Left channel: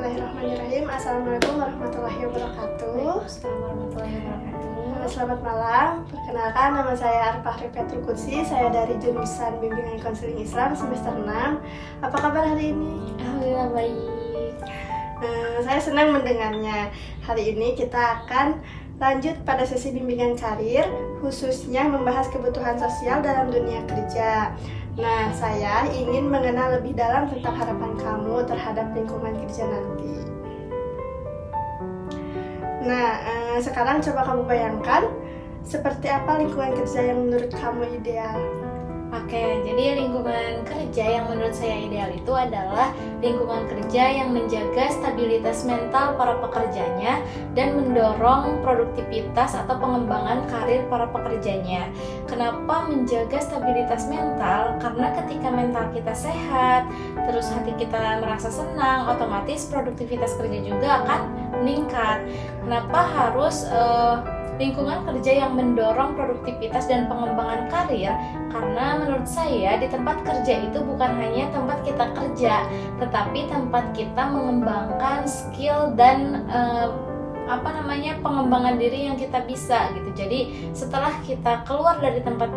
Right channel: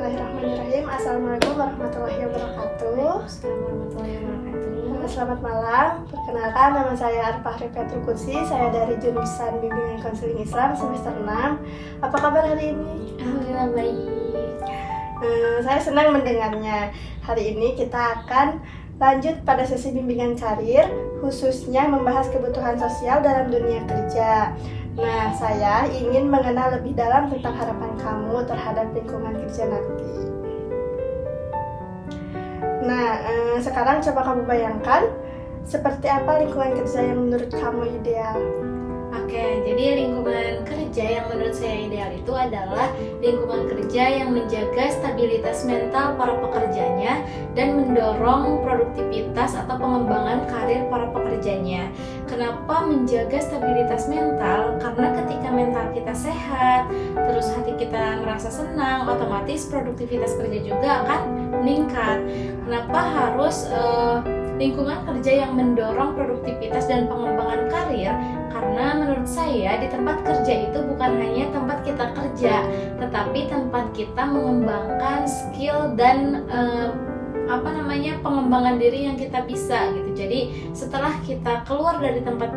Bismillahirrahmanirrahim. Assalamualaikum warahmatullahi wabarakatuh. Selamat malam. Perkenalkan, nama saya Arfah Rifetul Qudsi. Saya dari jurusan Bimbingan Konseling Islam semester 6. Apa kabar hari ini? Alhamdulillah baik. Saya senang mendengarnya. Hari ini kita akan lanjut pada sesi bimbingan karir, khususnya membahas kebutuhan sosial dalam dunia kerja. Nah, saya ingin mengenal lebih dalam tentang harapan kamu terhadap lingkungan kerja nanti. Nah, sekarang coba kamu bayangkan seperti apa lingkungan kerja yang menurut kamu ideal. Oke, jadi lingkungan kerja yang menurut saya ideal itu adalah lingkungan kerja yang menjaga stabilitas mental para pekerjanya dan mendorong produktivitas atau pengembangan karir para pekerjanya. Kenapa menjaga stabilitas mental? Karena ketika mental kita sehat, terus hati kita merasa senang, otomatis produktivitas kerja juga akan meningkat. Kenapa harus lingkungan kerja yang mendorong produktivitas dan pengembangan karir? Karena menurut saya di tempat kerja itu bukan hanya tempat kita kerja, tetapi tempat kita mengembangkan skill dan pengembangan diri yang kita bisa gitu. Jadi setelah kita keluar dari tempat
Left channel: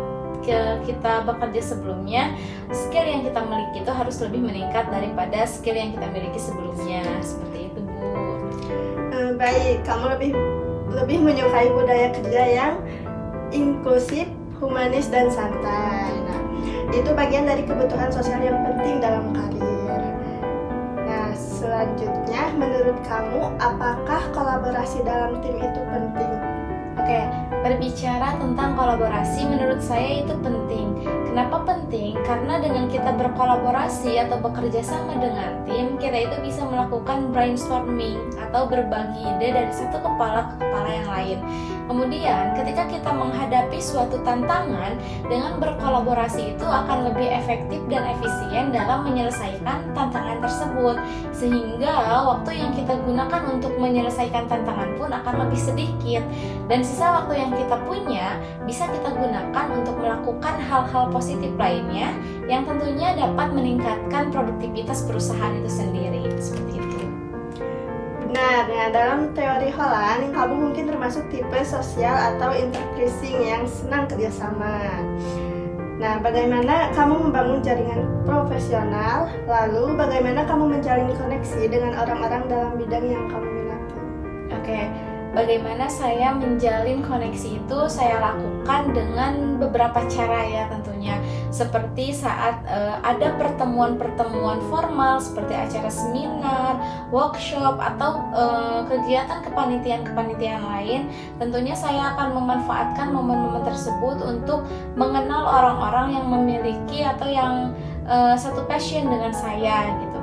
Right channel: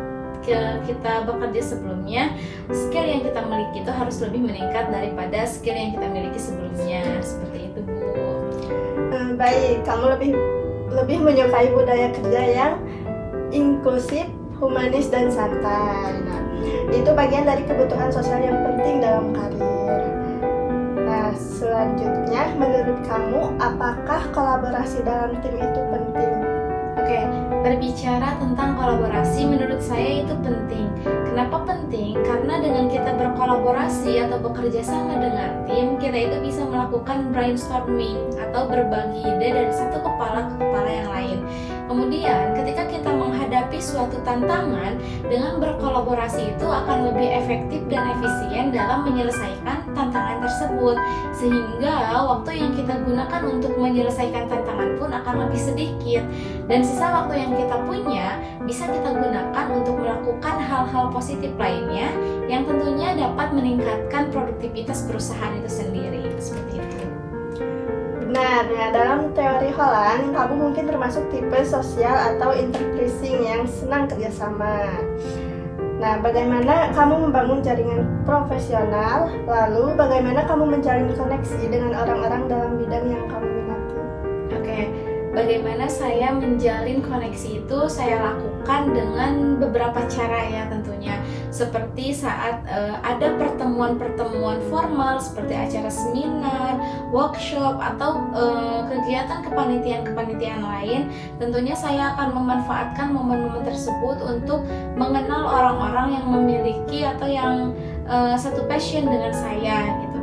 kita bekerja sebelumnya, skill yang kita miliki itu harus lebih meningkat daripada skill yang kita miliki sebelumnya. Seperti itu, Bu. Baik, kamu lebih menyukai budaya kerja yang inklusif, humanis, dan santai. Nah, itu bagian dari kebutuhan sosial yang penting dalam karir. Nah, selanjutnya, menurut kamu, apakah kolaborasi dalam tim itu penting? Oke, berbicara tentang kolaborasi menurut saya itu penting. Kenapa penting? Karena dengan kita berkolaborasi atau bekerja sama dengan tim, kita itu bisa melakukan brainstorming atau berbagi ide dari satu kepala ke kepala yang lain. Kemudian ketika kita menghadapi suatu tantangan, dengan berkolaborasi itu akan lebih efektif dan efisien dalam menyelesaikan tantangan tersebut. Sehingga waktu yang kita gunakan untuk menyelesaikan tantangan pun akan lebih sedikit. Dan sisa waktu yang kita punya bisa kita gunakan untuk melakukan hal-hal positif lainnya yang tentunya dapat meningkatkan produktivitas perusahaan itu sendiri. Seperti itu. Benar, nah dalam teori Holland, kamu mungkin termasuk tipe sosial atau interpersing yang senang kerjasama. Nah, bagaimana kamu membangun jaringan profesional, lalu bagaimana kamu menjalin koneksi dengan orang-orang dalam bidang yang kamu minati? Oke, bagaimana saya menjalin koneksi itu saya lakukan dengan beberapa cara ya tentunya. Seperti saat ada pertemuan-pertemuan formal seperti acara seminar, workshop, atau kegiatan kepanitiaan lain, tentunya saya akan memanfaatkan momen-momen tersebut untuk mengenal orang-orang yang memiliki atau yang satu passion dengan saya gitu.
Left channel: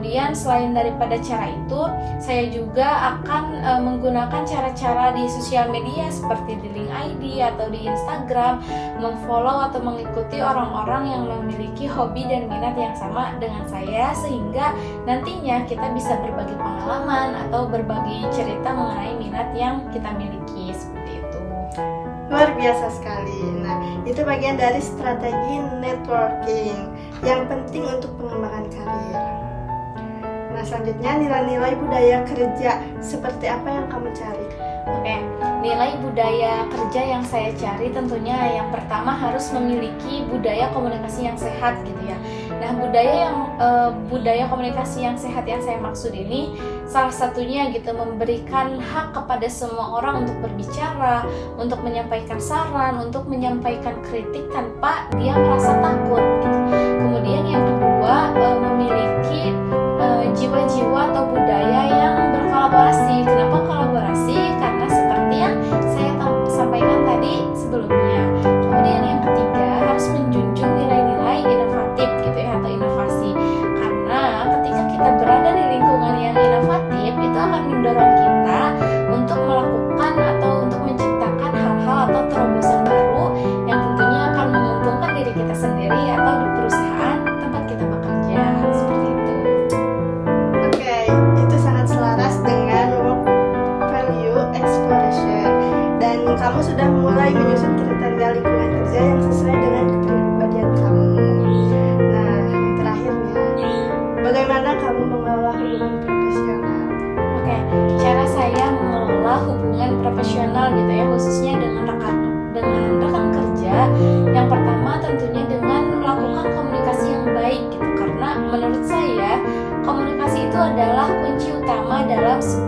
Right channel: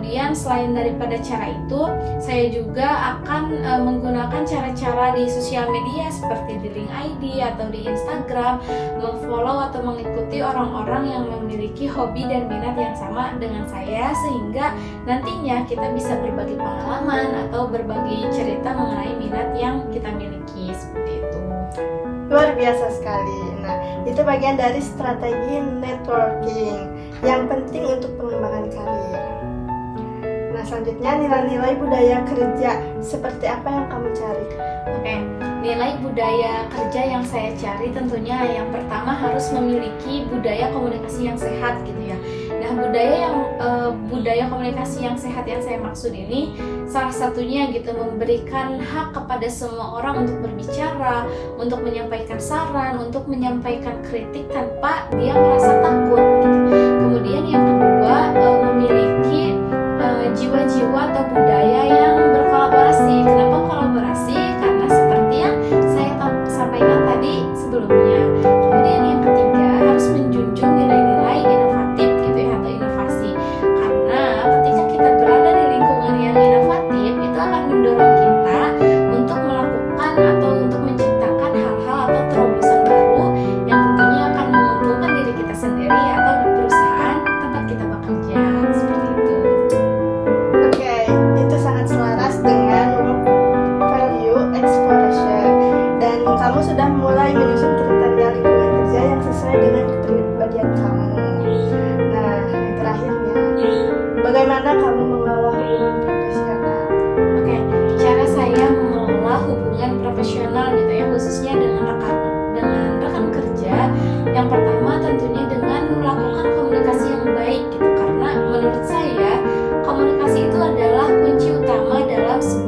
Kemudian selain daripada cara itu, saya juga akan menggunakan cara-cara di sosial media seperti di link ID atau di Instagram, memfollow atau mengikuti orang-orang yang memiliki hobi dan minat yang sama dengan saya, sehingga nantinya kita bisa berbagi pengalaman atau berbagi cerita mengenai minat yang kita miliki. Seperti itu. Luar biasa sekali. Nah, itu bagian dari strategi networking yang penting untuk pengembangan karir. Nah, selanjutnya nilai-nilai budaya kerja seperti apa yang kamu cari? Oke, nilai budaya kerja yang saya cari tentunya yang pertama harus memiliki budaya komunikasi yang sehat gitu ya. Nah, budaya komunikasi yang sehat yang saya maksud ini salah satunya gitu memberikan hak kepada semua orang untuk berbicara, untuk menyampaikan saran, untuk menyampaikan kritik tanpa dia merasa takut gitu. Kemudian yang kedua, memiliki jiwa-jiwa atau budaya yang berkolaborasi. Kenapa kolaborasi? Karena seperti yang saya sampaikan tadi sebelumnya. Kemudian yang ketiga, harus menjunjung nilai-nilai inovatif gitu ya, atau inovasi. Karena ketika kita berada di lingkungan yang inovatif, itu akan mendorong kita untuk melakukan atau untuk menciptakan hal-hal atau terobosan baru yang tentunya akan menguntungkan diri kita sendiri atau di perusahaan tempat kita bekerja. Seperti itu. Oke, itu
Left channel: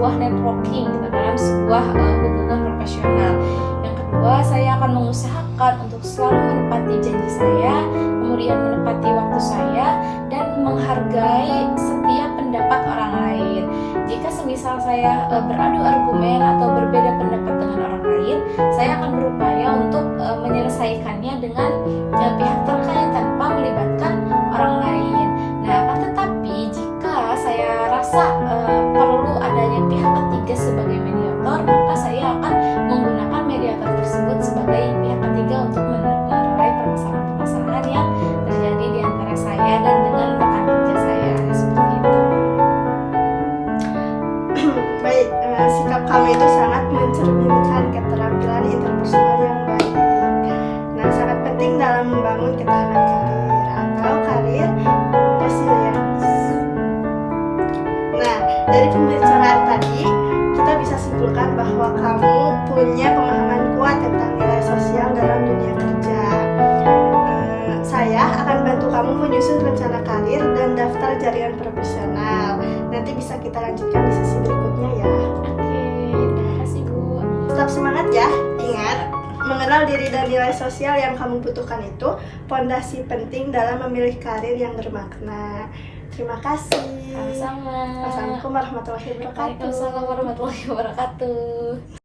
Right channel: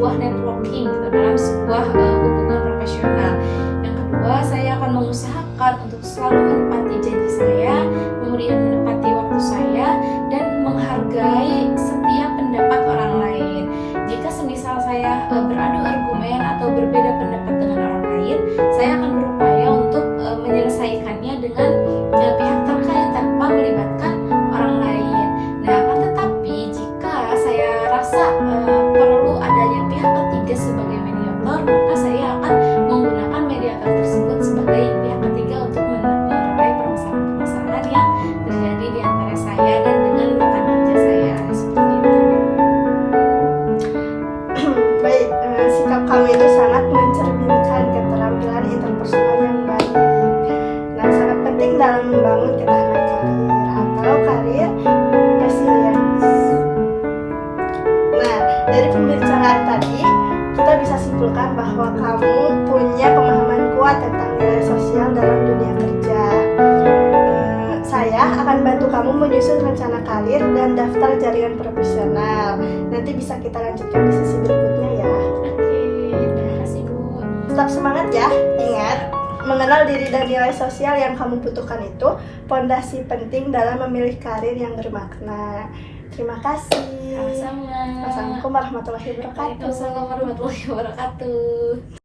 sebuah networking dalam sebuah hubungan profesional. Yang kedua, saya akan mengusahakan untuk selalu menepati janji saya, kemudian menepati waktu saya, dan menghargai setiap pendapat orang lain. Jika semisal saya beradu argumen atau berbeda pendapat dengan orang lain, saya akan berupaya untuk menyelesaikannya dengan pihak terkait tanpa melibatkan orang lain. Nah, akan tetapi jika saya rasa perlu adanya pihak ketiga sebagai mediator, maka saya akan menggunakan mediator tersebut sebagai pihak ketiga untuk menerai permasalahan-permasalahan yang terjadi di antara saya dan dengan rekan kerja saya, seperti itu. Baik, sikap kamu itu sangat mencerminkan keterampilan interpersonal yang baik. Nah, sangat penting dalam membangun ketahanan karir atau karir resilience. Nah, dari pembicaraan tadi, kita bisa simpulkan bahwa kamu punya pemahaman kuat tentang nilai sosial dalam dunia kerja. Saya akan bantu kamu menyusun rencana karir dan daftar jaringan profesional. Nanti bisa kita lanjutkan di sesi berikutnya ya. Oke, terima kasih Bu. Tetap semangat ya. Ingat, mengenal diri dan nilai sosial yang kamu butuhkan itu pondasi penting dalam memilih karir yang bermakna. Terima kasih. Sama-sama. Wassalamualaikum warahmatullahi wabarakatuh. Waalaikumsalam warahmatullahi wabarakatuh.